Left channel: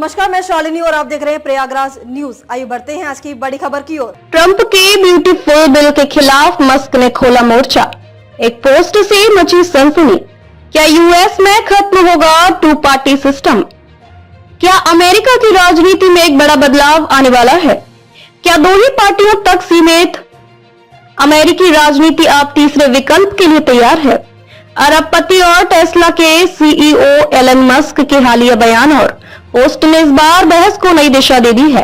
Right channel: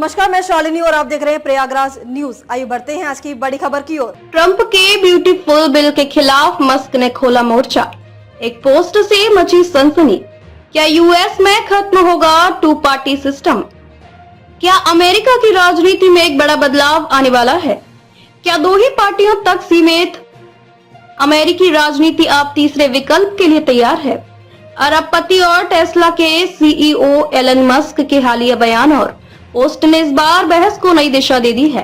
नमस्कार, मैं शालिनी और आप देख रहे हैं प्रयागराज न्यूज। आइए बढ़ते हैं आज की बड़ी खबर की ओर। ट्रंप के ब्यूटीफुल बिल के खिलाफ मस्क ने खोला मोर्चा। एक पोस्ट से मची सनसनी। क्या यूएस में खत्म होगा टू पार्टी सिस्टम? क्या अमेरिका की राजनीति में एक बड़ा बदलाव आने वाला है? क्या दो ही पार्टियों तक सीमित अमेरिकी राजनीति अब तीसरे विकल्प के लिए तैयार है? अरबपति और टेस्ला के सीईओ एलन मस्क के हालिया बयान और पोस्ट ने इस बार बहस को नई दिशा दे दी है।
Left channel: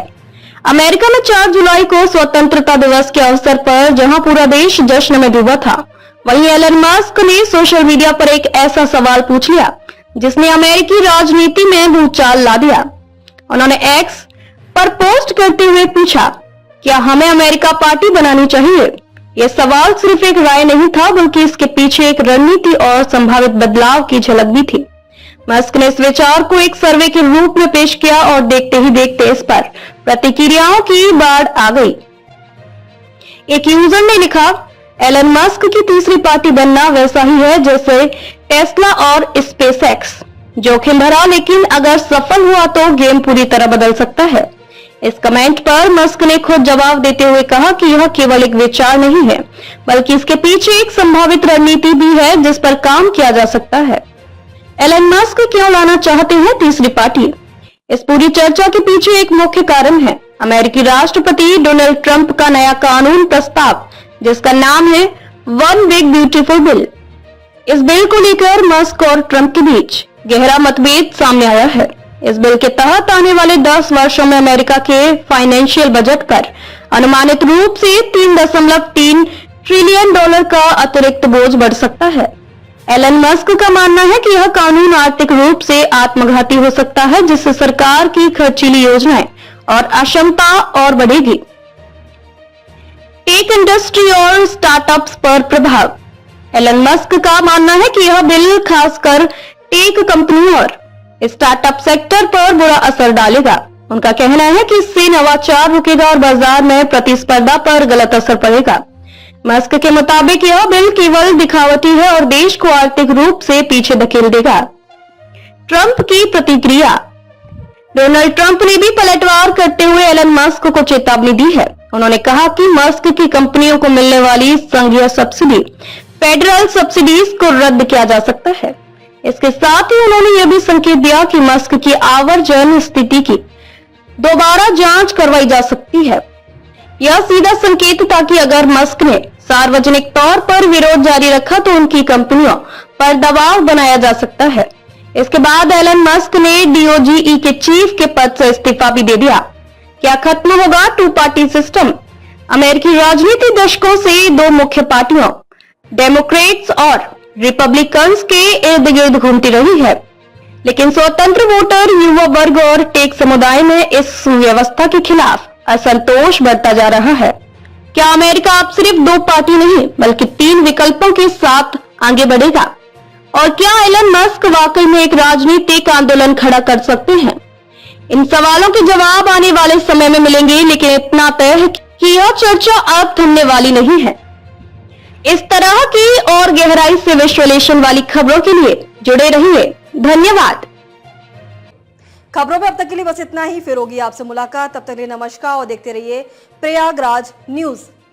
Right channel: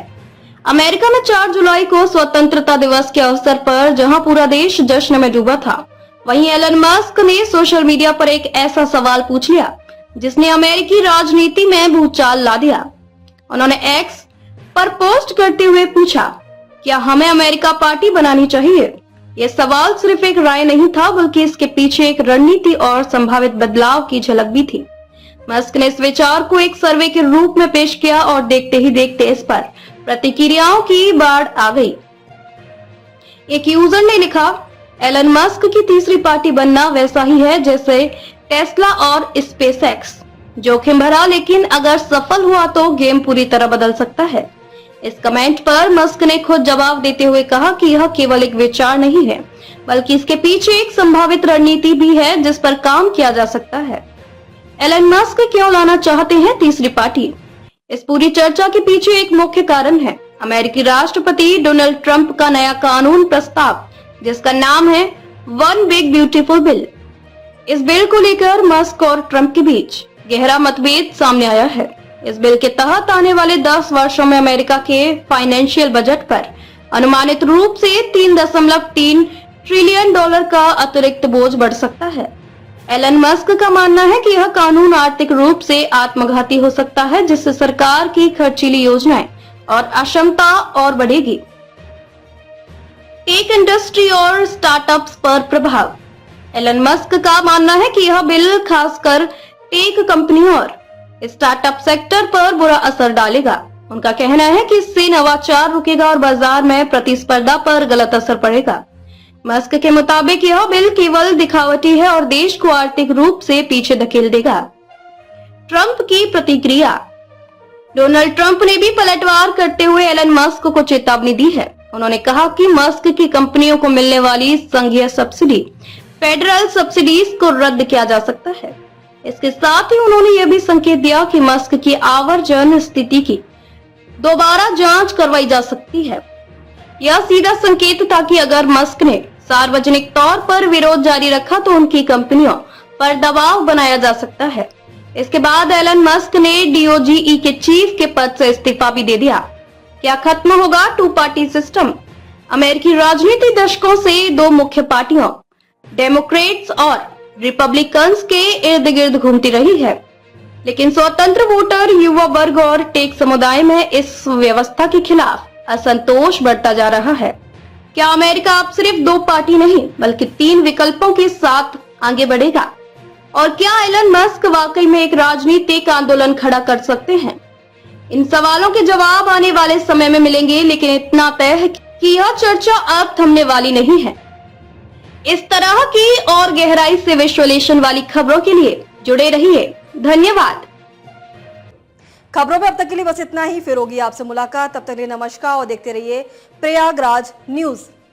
अमेरिका में 4 जुलाई को स्वतंत्रता दिवस के अवसर पर जहां पूरा देश जश्न में डूबा था, वहीं एलन मस्क ने सोशल मीडिया पर एक ऐसा सवाल पूछ लिया जिसने अमेरिकी राजनीति में भूचाल ला दिया। उन्होंने एक्स पर पोस्ट करते हुए पूछा, क्या हमें अमेरिका पार्टी बनानी चाहिए? यह सवाल सिर्फ एक राय नहीं था, बल्कि इसके पीछे एक रणनीति और संभावित बदलाव की झलक भी थी। मस्क ने इस विचार को एक सर्वे के रूप में पेश किया और देखते ही देखते इस पर प्रतिक्रियाओं की बाढ़ आ गई। एक यूजर ने लिखा, एलन मस्क की तीसरी पार्टी बनना वैसा ही है जैसे टेस्ला और स्पेसएक्स। जोखिम भरा, लेकिन अगर सफल हुआ तो गेम पूरी तरह बदल सकता है। इस कमेंट पर मस्क ने खुद जवाब देते हुए कहा कि यह केवल एक विचार नहीं है, बल्कि इसके पीछे एक संभावित रणनीति भी है जिस पर काम किया जा सकता है। एलन मस्क क्यों लाना चाहते हैं तीसरी पार्टी? इस पूरी चर्चा के पीछे एक मुख्य कारण है अमेरिकी राष्ट्रपति डोनाल्ड ट्रंप का नया कानून प्रस्ताव, जिसका नाम है वन बिग ब्यूटीफुल बिल। इस बिल को लेकर मस्क और ट्रंप के बीच गहरा मतभेद सामने आया है। इस बिल के तहत आने वाले 10 वर्षों में अमेरिका के फाइनेंशियल बजट पर अनुमानित रूप से $3.3 ट्रिलियन का अतिरिक्त बोझ बढ़ सकता है। एलन मस्क का मानना है कि यह कानून आर्थिक रूप से आत्मघाती हो सकता है, जिससे सरकार की खर्चीली योजनाएं और अक्षमता और बढ़ेगी। टेक इंडस्ट्री और स्टार्टअप्स पर प्रभाव। एलन मस्क का मानना है कि यह बिल खासकर टेक कंपनियों और स्टार्टअप सेक्टर पर बुरा असर डालेगा। उनका कहना है कि इससे नवाचार रुकेगा और बाजार में प्रतिस्पर्धा पर गलत असर पड़ेगा। मस्क के मुताबिक यह बिल केवल दिखावटी है और देश को आर्थिक रूप से पीछे धकेल देगा। ट्रंप की प्रतिक्रिया। डोनाल्ड ट्रंप ने भी पलटवार करते हुए एलन मस्क को चेतावनी दी है। उन्होंने कहा कि मस्क की कंपनियों को मिलने वाली संघीय सब्सिडी, फेडरल सब्सिडीज को रद्द किया जा सकता है। इसके साथ ही उन्होंने यह भी संकेत दिया कि मस्क की आवर्जन स्थिति की दोबारा जांच करवाई जा सकती है। यह सीधा संकेत था कि अगर मस्क ने सार्वजनिक तौर पर विरोध जारी रखा तो उनकी कंपनियों पर दबाव बनाया जा सकता है। इसके बाद एलन मस्क ने डीओजीई के चीफ के पद से इस्तीफा भी दे दिया। क्या खत्म होगा टू पार्टी सिस्टम? अमेरिकी राजनीति दशकों से दो मुख्य पार्टियों डेमोक्रेट्स और रिपब्लिकन्स के इर्द गिर्द घूमती रही है, लेकिन स्वतंत्र वोटर, युवा वर्ग और टेक समुदाय में इस व्यवस्था के खिलाफ असंतोष बढ़ता जा रहा है। क्या अमेरिका अब सिर्फ 2 पार्टी नहीं बल्कि 3 विकल्पों के साथ आगे बढ़ेगा? और क्या एलन मस्क वाकई में एक राजनीतिक आंदोलन खड़ा कर सकते हैं? इन सवालों के जवाब आने वाले समय में मिलेंगे, लेकिन इतना तय है कि यह चर्चा अब थमने वाली नहीं है। इस तरह की और गहराई से विश्लेषण वाली खबरों के लिए जुड़े रहिए। धन्यवाद। खबरों में अब तक के लिए बस इतना ही। फिर होगी आपसे मुलाकात, तब तक के लिए नमस्कार और देखते रहिए प्रयागराज न्यूज।